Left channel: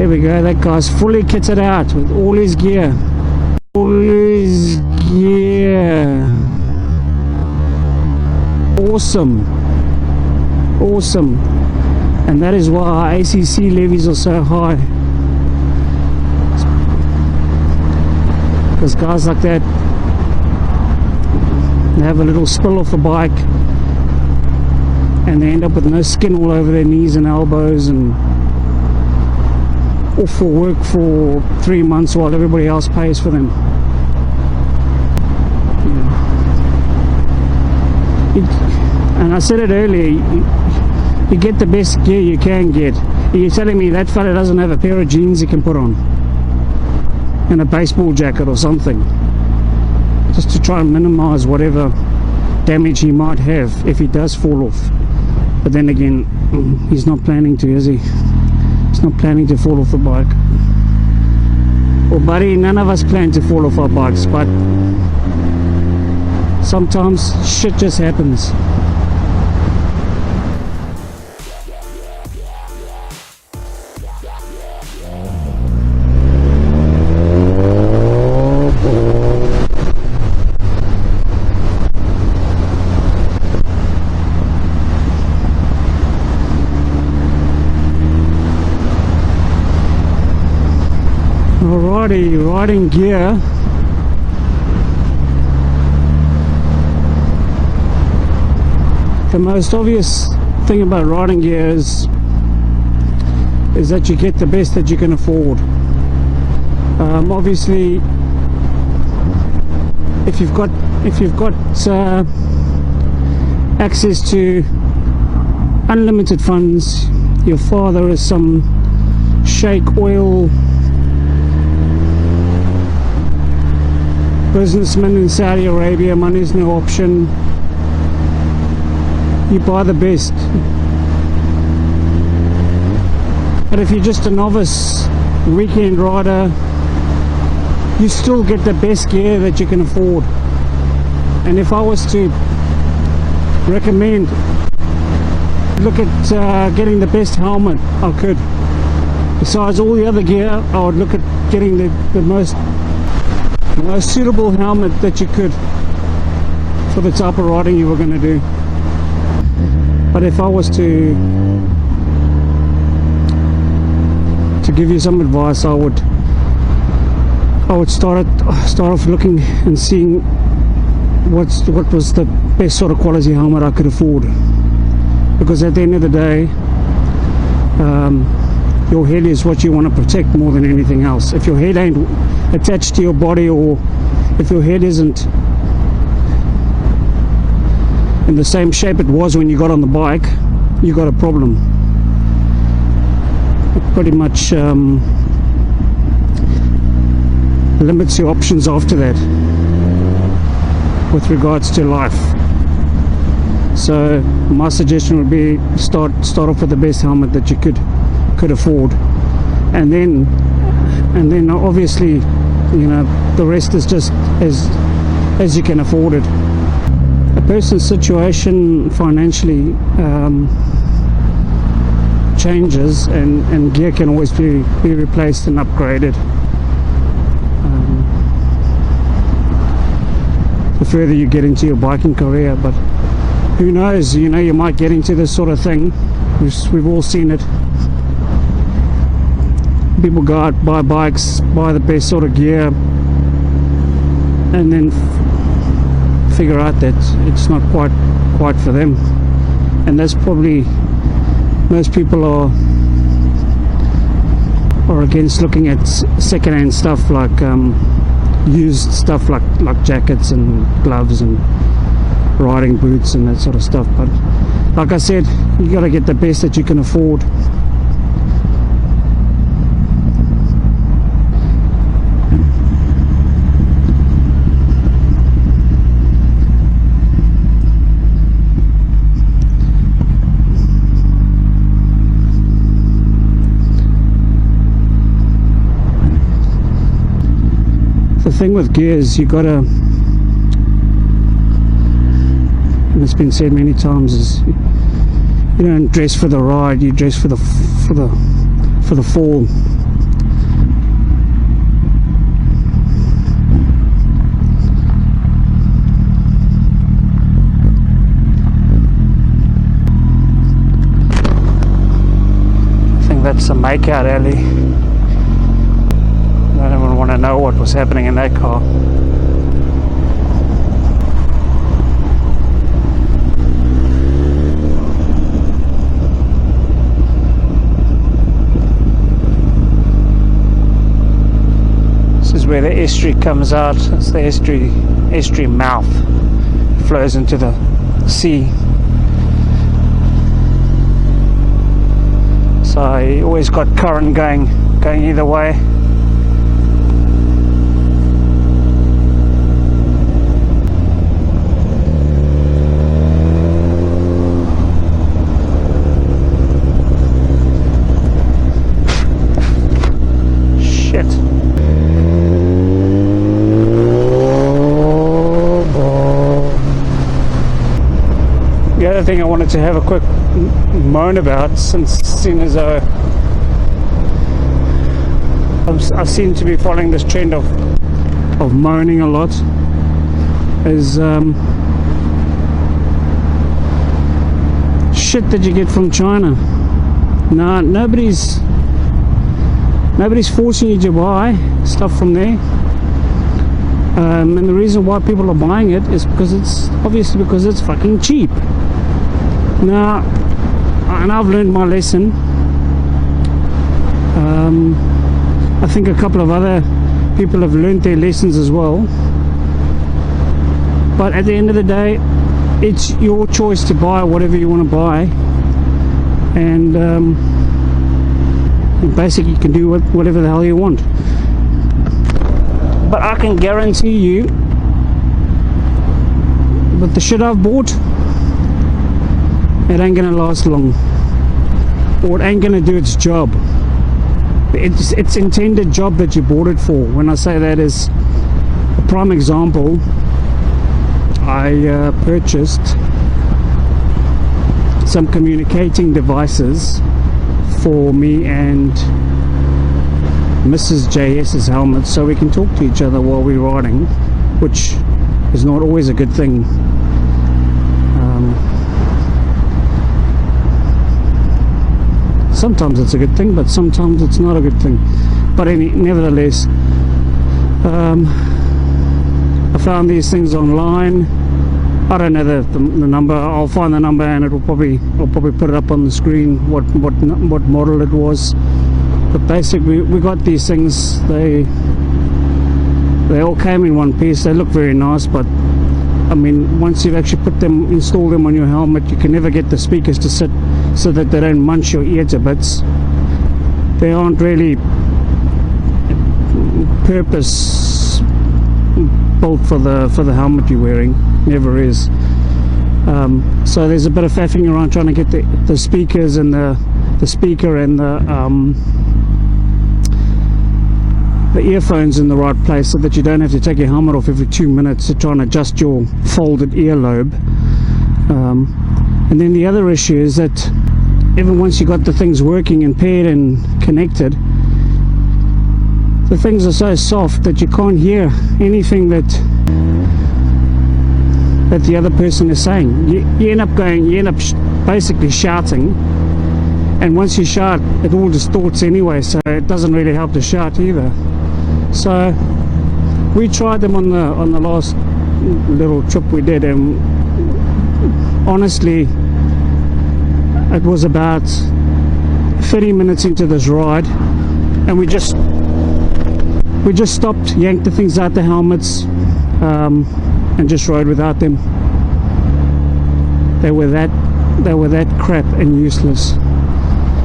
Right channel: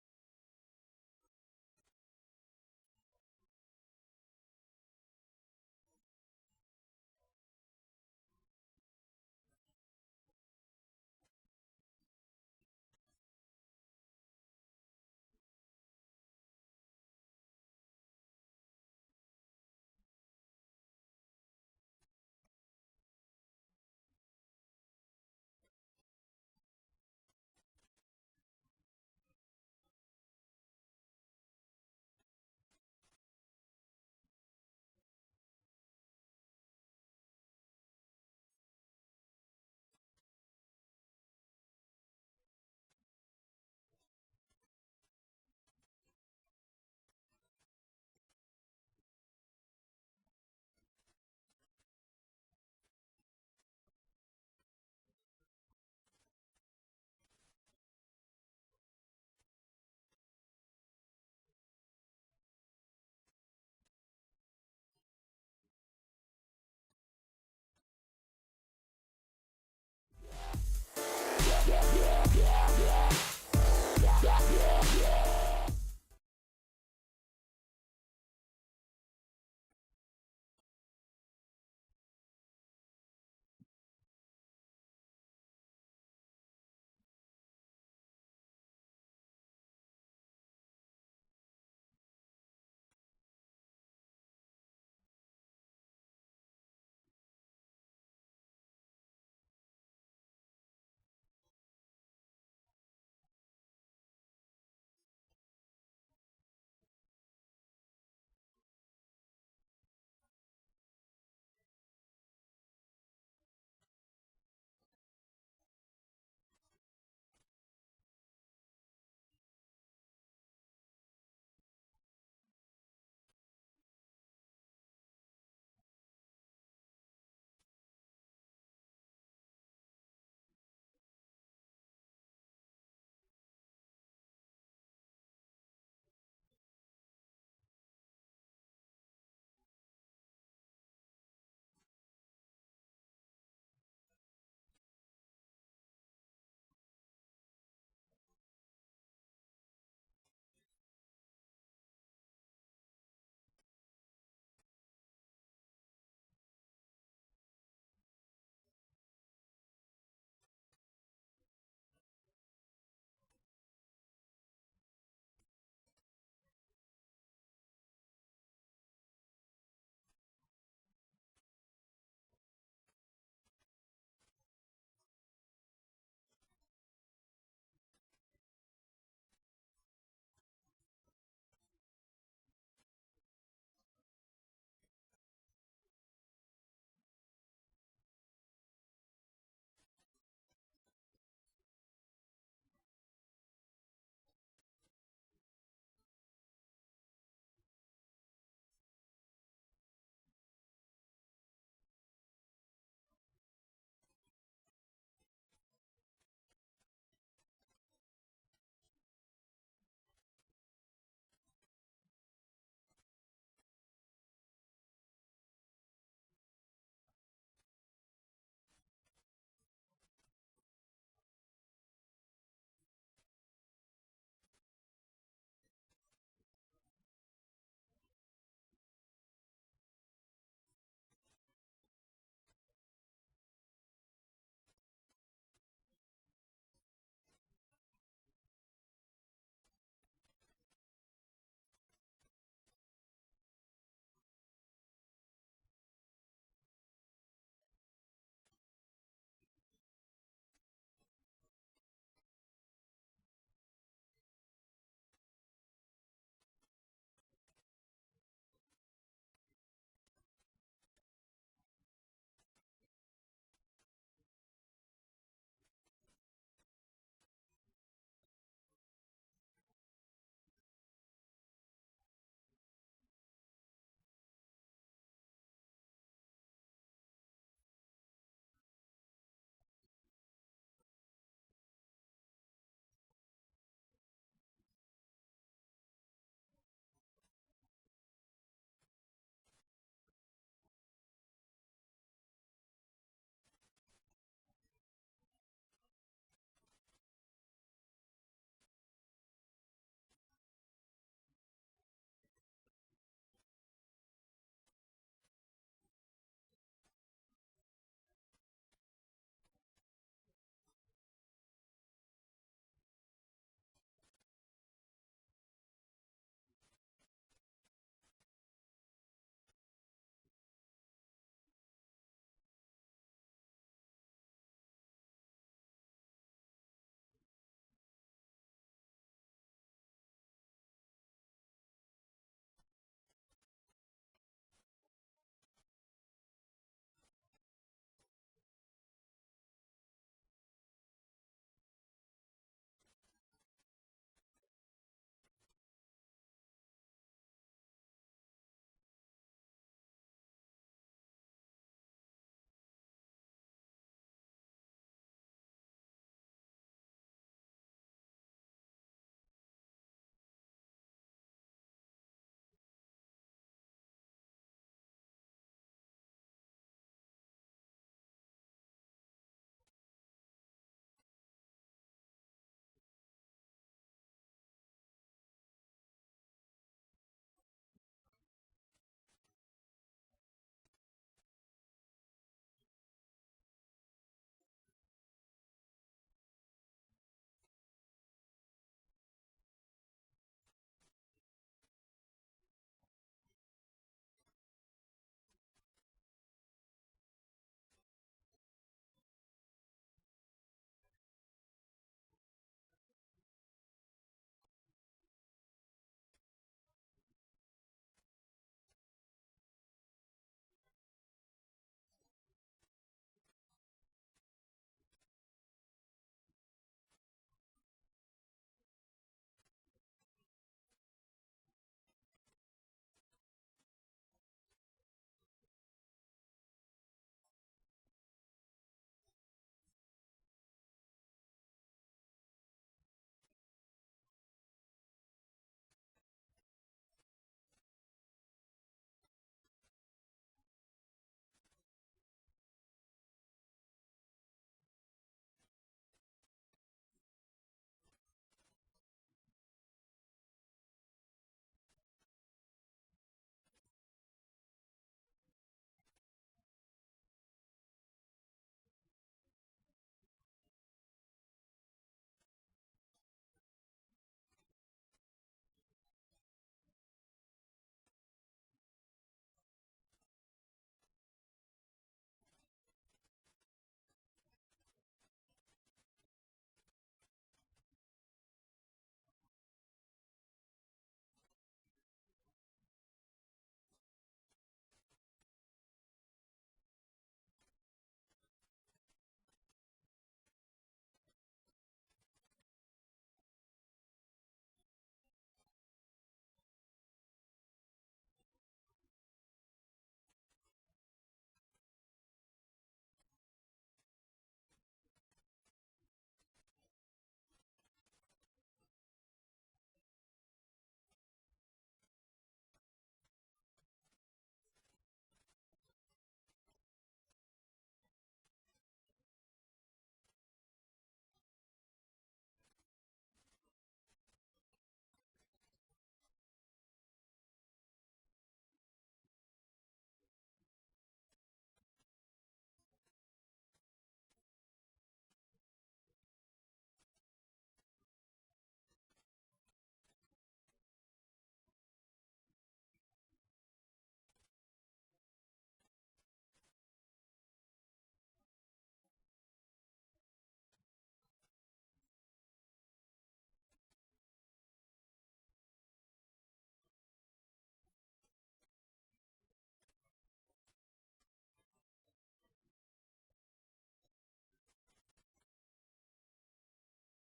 There we go, that guy's fully kitted out with all his gear. All his gear. Awesome. Awesome. And that is why our ACC levies are so high. Because guys like that, they have a little spill off the bike and they end up with no skin all over their knees and elbows and off for work for 3 months while everybody else pays for them. And I said it earlier, you get the best gear you can get. You're telling me that fella doesn't have a pair of jeans he can put on and a baseball jacket or something, just to try and minimize whatever damage he might have if he does fall off. But then again, he's not planning to, is he? He's not planning to fall off the bike. Well, buddy, none of us plan to fall off our bikes, but sometimes shit just happens. Alrighty, riding gear. The most obvious thing about riding gear is that you get the best that you can afford. Obviously, if you've got access to unlimited funds, your father is some Sheikh oil businessman in Saudi Arabia, money is no option, you buy the best. But if you're just a novice weekend rider, you still get the best gear that you can afford. And if I was to recommend, look at getting the best helmet I could. Besides all the other gear, I would look at getting the most suitable helmet that you could for the type of riding you were going to do. But if I was to give you some advice, I would start off looking and seeing what was the best sort of quality helmet I could afford, because at the end of the day, your head is what you want to protect more than anything else. If your head ain't attached to your body, or if your head isn't in the same shape it was when you got on the bike, you got a problem. It pretty much limits your options after that with regards to life. So my suggestion would be start off with the best helmet that you could afford, and then obviously, you know, the rest is just as you can afford it. A person's situation financially changes, and gear can always be replaced and upgraded the further you get into your biking career. But who knows, you know, you might get into this sort of thing. We've all seen it. People go out, buy bikes, buy the best sort of gear, and then figure out that it's not quite for them. And that's probably, most people are against looking at second-hand stuff, like used stuff like jackets and gloves and riding boots and that sort of stuff. But like I said, you got to get the best that you can afford. The thing with gears, you gotta, and it's been said many times, is you don't dress for the ride, you dress for the fall. that's a makeout alley. I don't even want to know what was happening in that car. This is where the estuary comes out. It's the estuary mouth. It flows into the sea. So you always got current going either way. Shit. The other thing I wanted to have a quick moan about, seeing as I seem to be following this trend of moaning a lot, is shit that you get from China. Nah, nobody's forcing you to buy stuff from there. And the reason why people are buying it is because it's fucking cheap. Now, and I've learned my lesson. I think a couple of other people have learned their lessons as well. But at the end of the day, it's your choice to buy whatever you want to buy, and basically you can do whatever the hell you want. But I can guarantee you, with the shit I've bought, it ain't gonna last long, or it ain't gonna do its job. It's intended job that you bought it for. When I say that, is a prime example. I purchased some communicating devices for me and Mrs. JS's helmet, so we can talk to each other while we're riding, which is not always a good thing. Sometimes it's a good thing, but sometimes it's not a good thing. But nevertheless, I found these things online. I don't know the number. I'll find the number, and I'll probably put it up on the screen what model it was. But basically, we got these things. They all came in one piece. They look very nice, but I mean, once you've actually installed them on your helmet, you can never get the speakers to sit so that they don't munch your ear to bits. They aren't really purpose built for the helmet you're wearing. Never is. So there's a bit of faffing around trying to get the speakers and the speaker and the earphones in the right place, so that you don't have to take your helmet off every 2 minutes to try and adjust your folded earlobe. And then the other issue is that even once you got the things working and paired and connected, the things are so soft that you can't hear anything that the other person is saying. You end up basically shouting, and once you shout, it all distorts anyway, so it doesn't really help to shout either. So we tried them on the last little trip we did, and honestly, it was about 30 minutes into this ride, and we just stopped, yanked the things out the helmets, and just rode without them. They were that crap and useless.